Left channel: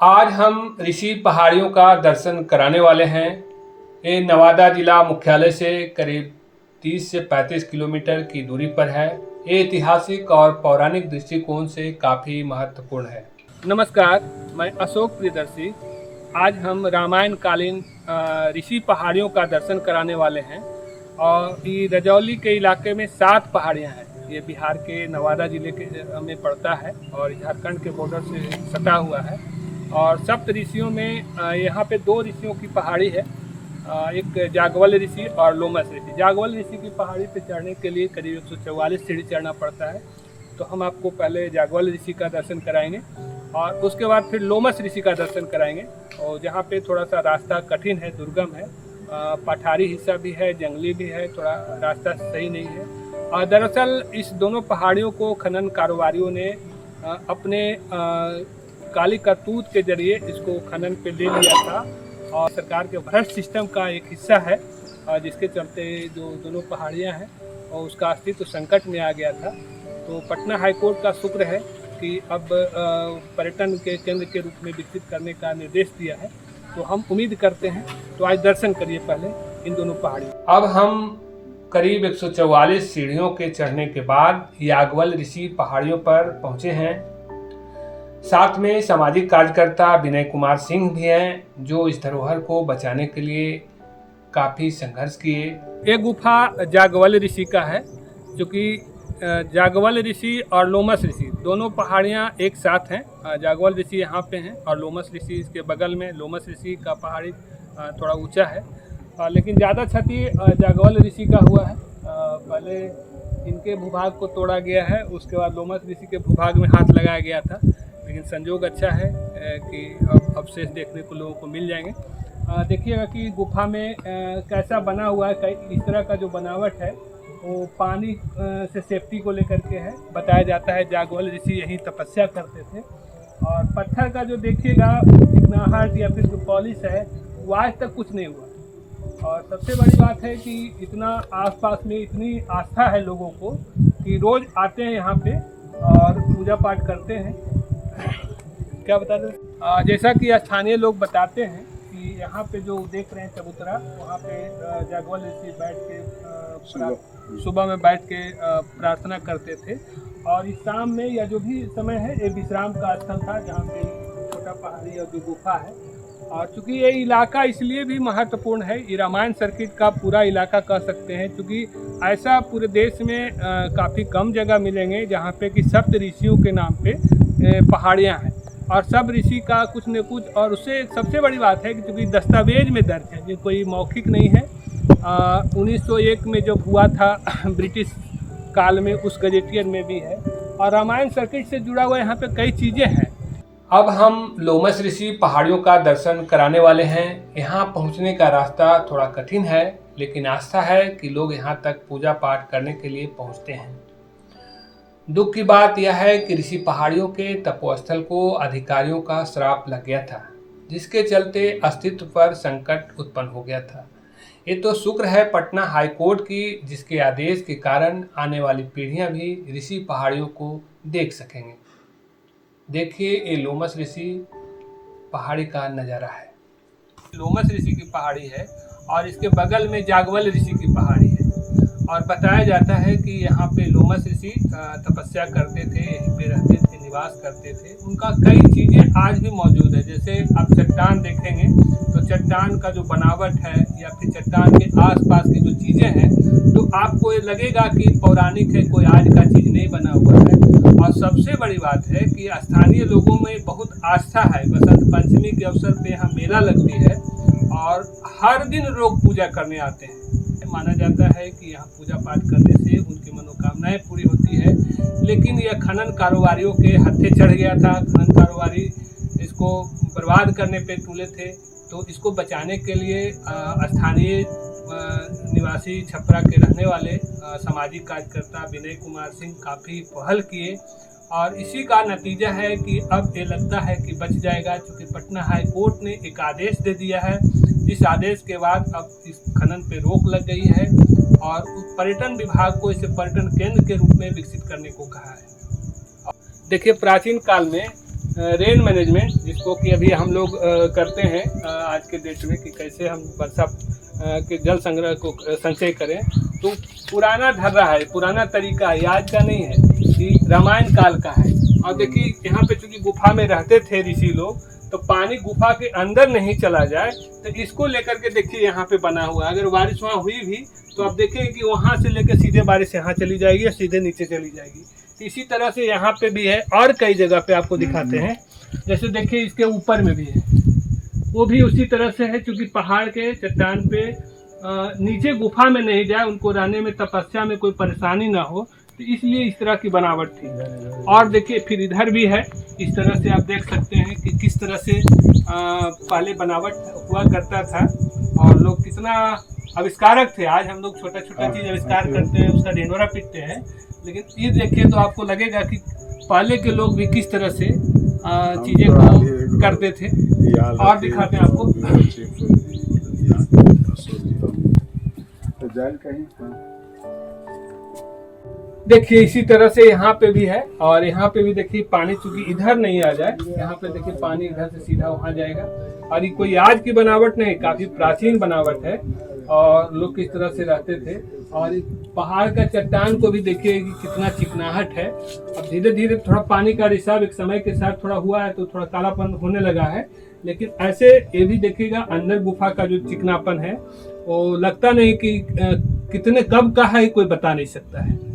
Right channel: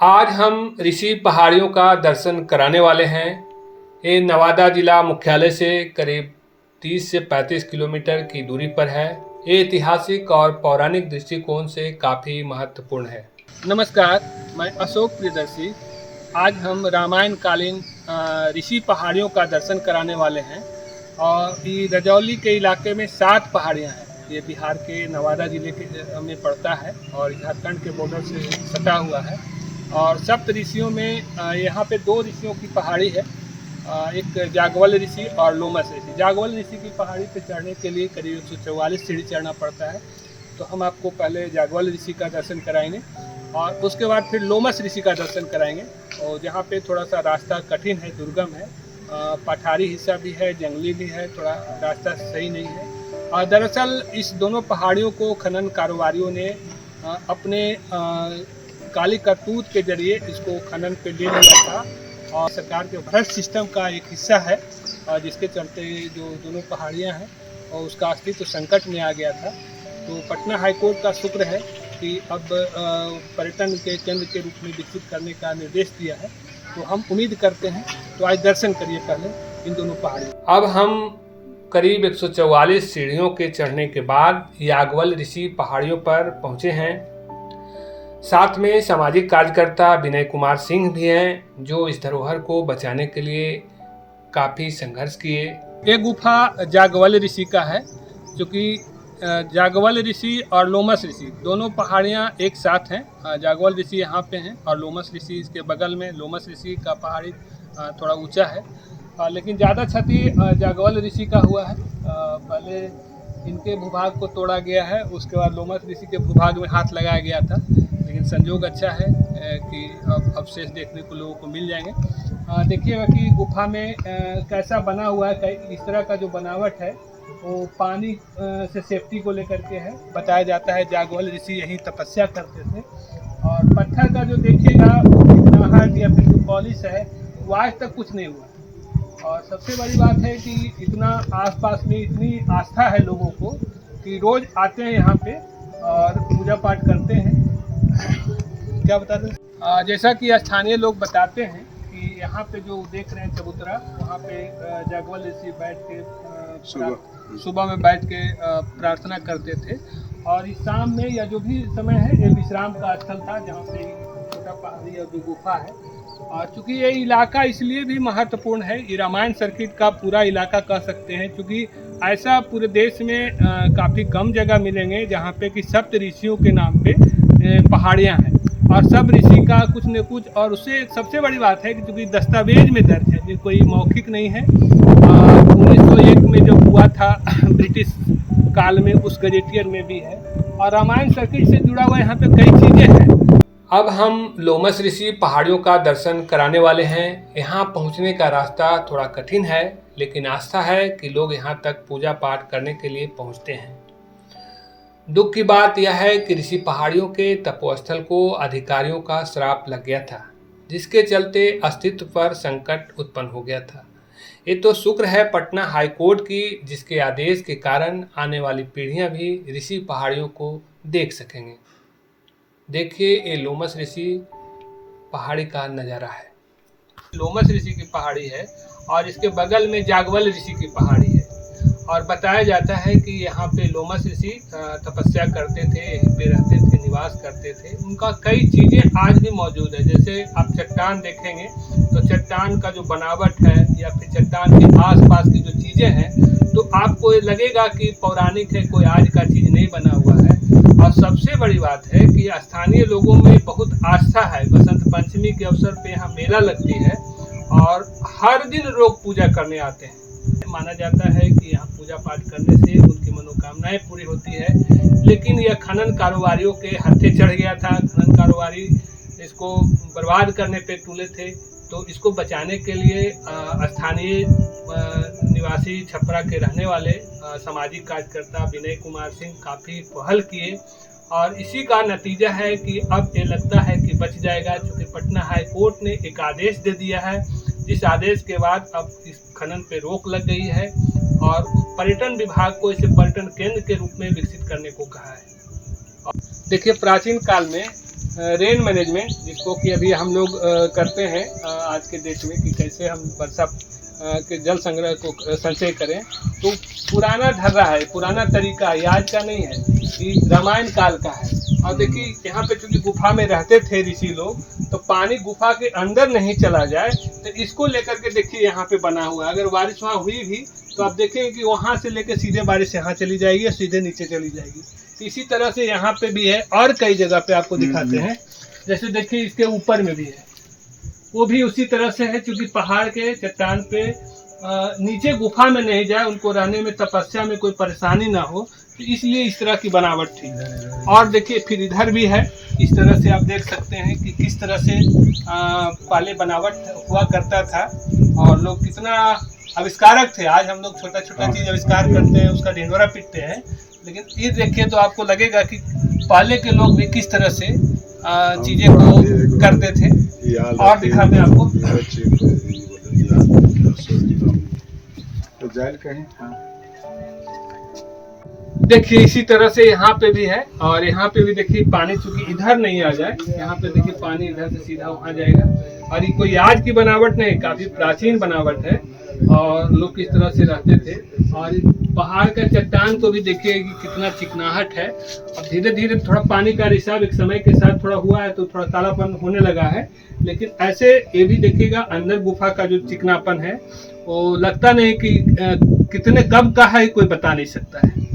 आज हम ऋषि पहाड़ियों का दर्शन कराने वाले हैं। ये नवादा जिला मुख्यालय से करीब 30 से 35 किलोमीटर की दूरी पर है। ये ऐतिहासिक और पौराणिक दृष्टिकोण से काफ़ी महत्वपूर्ण है। नमस्कार, मैं अशोक प्रियदर्शी। आज हम रामायण कालीन ऋषि पहाड़ियों का दर्शन कराने वाले हैं। और ये रजौली के इलाके में 7 पहाड़ियाँ हैं। ये बिहार के नवादा जिले के में पड़ता है और झारखंड के बॉर्डर से सटा हुआ है। और सप्त ऋषियों में यहाँ पे 2 ऋषियों की पहाड़ी है, एक जागवल ऋषि और लोमस ऋषि। जागवल ऋषि की पहाड़ी पे चढ़ने के लिए करीब 144 सीढ़ी चढ़ना पड़ता है। तो हम आपको पहले जागवल ऋषि का दर्शन कराएंगे और उसके बाद फिर लोमस ऋषि का दर्शन कराएंगे। और जहाँ पे थोड़ा सा रास्ता कठिन है, दुर्गम है, पठारी हिस्सा भी है, जंगली भी है, थोड़ा रास्ता सही नहीं है। और दरअसल इस दोनों पहाड़ियों को खनन कारोबारियों ने अपने काली करतूत के जरिए इसको खनन पे ले लिया था और सरकार के भ्रष्ट सिस्टम का एक हिस्सा है, जिसके चलते जो दोनों पहाड़ियां हैं और उसका अस्तित्व संकट में आ गया था। तो पटना हाईकोर्ट का शुक्र है कि अब पर्यटन के केंद्र के रूप में विकसित करने का निर्देश दिया है। तो हम उम्मीद करते हैं। तो आज दर्शन करिए पहले इन दोनों पहाड़ियों। अब हम करीब 144 सीढ़ियों के चढ़ने के बाद यागवल ऋषि पहाड़ियों पर पहुँचे हैं। साथ में सामाजिक कार्यकर्ता विनय कुमार सिंह भी हैं, जो इस धरोहर को बचाने के लिए काफ़ी संघर्ष किए। ये गुफा जागवल ऋषि का है, क्योंकि जागवल ऋषि और लोमस ऋषि दोनों पहाड़ियाँ एक साथ हैं। जागवल ऋषि यहाँ पे हैं और लोमस ऋषि इसके बगल में। लोमस ऋषि का पहाड़ी थोड़ा ऊंचा है, लेकिन ज़्यादा क्षति जागवल ऋषि का हुआ है। पहले इनके भूभाग को तोड़ा गया है, उसके बाद लोमस ऋषि के भूभाग में हाथ लगाया गया था। लेकिन संजोग अच्छा है कि अब अवशेष देखने को लोगों को मिल जाएंगे। देखिएगा कि गुफा में कैसा बना हुआ है। इस तरह का जो बनावट है वो पानी से सेफ्टी को लेकर के है। बताया जाता है जागवल ऋषि यहीं तपस्या करते थे। और पत्थर का जो देखिएगा चिकनाहट या फिर जो पॉलिश है वो आज तक कुछ नहीं हुआ। और सबसे बड़ी बात है कि इतना आसपास में इतनी आस्था है लोगों को कि रोज़ आते हैं यहाँ पे और पूजा पाठ करते हैं। क्या बताते हैं, जैसा कि स्थानीय लोग बताते हैं कि यहाँ पे जो देख रहे हैं चबूतरा, वहाँ पे जागवल ऋषि बैठ के सुबह में बैठ के प्रार्थना करते थे। और इस शाम में या जो भी समय है ये विश्राम का स्थल था, जहाँ पे छोटा पहाड़ी और जो गुफा है। और चूँकि ये इलाका इसलिए भी महत्वपूर्ण है, ये रामायण सर्किट का पूरा इलाका कह सकते हैं, क्योंकि ऐसा पूरे देश में काफ़ी कम जगह मिलेंगे जहाँ पे कि सप्त ऋषियों के नाम पे पहाड़ियाँ हैं और सब ऋषि का कुछ न कुछ। और उससे सबसे बड़ी बात है कि चूँकि दस्तावेज में दर्ज है, ये कोई मौखिक नहीं है। 1901 में जब हुआ था ब्रिटिश काल में, उस गजेटियर में भी है। और रामायण सर्किट से जुड़ा हुआ यहाँ पे कई चीज़ें हैं। अब हम लोमस ऋषि पहाड़ियों का दर्शन कराने वाले हैं। यहाँ पहुँचने का रास्ता थोड़ा कठिन है, लेकिन आस्था है कि लोग यहाँ तक पूजा पाठ करने के लिए पहुँचते हैं। दुख की बात यह है कि ऋषि पहाड़ियों के तपोस्थल को अधिकारियों का श्राप लग गया था, जिसके चलते अस्तित्व पर संकट उत्पन्न हो गया था। ये तो शुक्र है पटना हाईकोर्ट की, जिसके आदेश के कारण आने वाली पीढ़ियां भी ऋषि पहाड़ियों को देख सकेंगे। देखिए, ये लोमस ऋषि पहाड़ी का नज़ारा है। लोमस ऋषि की पहाड़ी है और इसके बगल में जागवल ऋषि की पहाड़ी है। और बताया जाता है कि यहाँ पे लोमस ऋषि तपस्या करते थे, यहीं पे रहते थे, निवास करते थे। उनका कई चीज़ें आज भी मौजूद है। जैसे आप चट्टान देखेंगे तो चट्टान का जो बनावट है या फिर चट्टान के आसपास की जो चीज़ें हैं, तो आपको ये लगेगा कि पौराणिक है, कोई आज का चीज़ नहीं बना हुआ है। और सबसे बड़ी बात है कि स्थानीय लोगों में बहुत आस्था है। बसंत पंचमी के अवसर पे यहाँ मेला लगती है और हर दिन लोग पूजा करने आते हैं। माना जाता है कि यहाँ पूजा पाठ करने से उनकी मनोकामनाएं पूरी होती है। लेकिन यह खनन कारोबारियों के हाथे चढ़ गया था। खनन कारोबारी इसको बर्बाद करने पे तुले थे। तो इसको बचाने के लिए स्थानीय निवासी छपरा के रहने वाले सामाजिक कार्यकर्ता विनय कुमार सिंह काफ़ी पहल किए और इसी का नतीजा है कि अब ये लगता है कि बच जाएगा, क्योंकि पटना हाई कोर्ट ने एक आदेश दे दिया है, जिस आदेश के बाद अब इस खनन पे रोक लग गई है और पर्यटन विभाग को इसे पर्यटन केंद्र के रूप में विकसित करने को कहा है। देखिए, प्राचीन काल में रेन मैनेजमेंट, जिसको कि अभी हम लोग करते हैं आज के डेट में, कि कैसे हम वर्षा के जल संग्रह को संचय करें। तो पुराना ढर्रा है, पुराना तरीका है, आज का नहीं है, कि रामायण काल का है। और देखिए यहाँ पे चूंकि गुफा में रहते थे ऋषि लोग, तो पानी गुफा के अंदर नहीं चला जाए, तो इसको लेकर के देखिए यहाँ पे बना हुआ है। अगर बारिश वहाँ हुई भी तो आप देखेंगे कि वहाँ से लेकर सीधे बारिश यहाँ चली जाएगी और सीधे नीचे चली जाएगी। इसी तरह से यहाँ पे भी है, और कई जगह पे आपको दिखाते हैं। जैसे देखिए इसके ऊपर में भी है, वो भी उसी तरह से है, क्योंकि पहाड़ के चट्टान पे नीचे गुफा में नहीं जाए, उनको रहने में, तपस्या में कोई परेशानी ना हो, तो इसलिए इस तरह की बनावट थी। और देखिए फिर इधर भी है, इस तरह से आप देख सकते हैं कि किस तरह से पहले बनावट हुआ करता था, और लोग कितना आविष्कारक थे। आज हम लोग छोटा छोटा चीज़ आविष्कार करते हैं, उसका ढिंढोरा पीटते हैं, लेकिन ये देखिए तो आपको लगेगा कि पहले के लोग भी किस तरह से चीज़ें को करते थे। और दिखाते हैं आपको, देखिए इसी तरह से यहाँ पे भी है। और यहाँ पे भी देखिए पानी चूंकि इधर नहीं आ जाए, यहाँ पे देखिए पानी इधर से सीधा वहाँ जाएगा। और ये कोई आज की बनावट नहीं, काफी प्राचीन बनावट है, और लोग किस तरह से रहते थे। और पहाड़ का चट्टान को भी देखिए कि कितना चिकनाहट है, और धीरे धीरे थोड़ा पानी का रिसाव एक समय के साथ थोड़ा हुआ है, तो थोड़ा कालापन होने लगा है। लेकिन ऐसे ये भी देखिएगा अंदर गुफा का जो चिकनापन है, वो लगता नहीं कि कितने कब का है, कोई बता नहीं सकता है।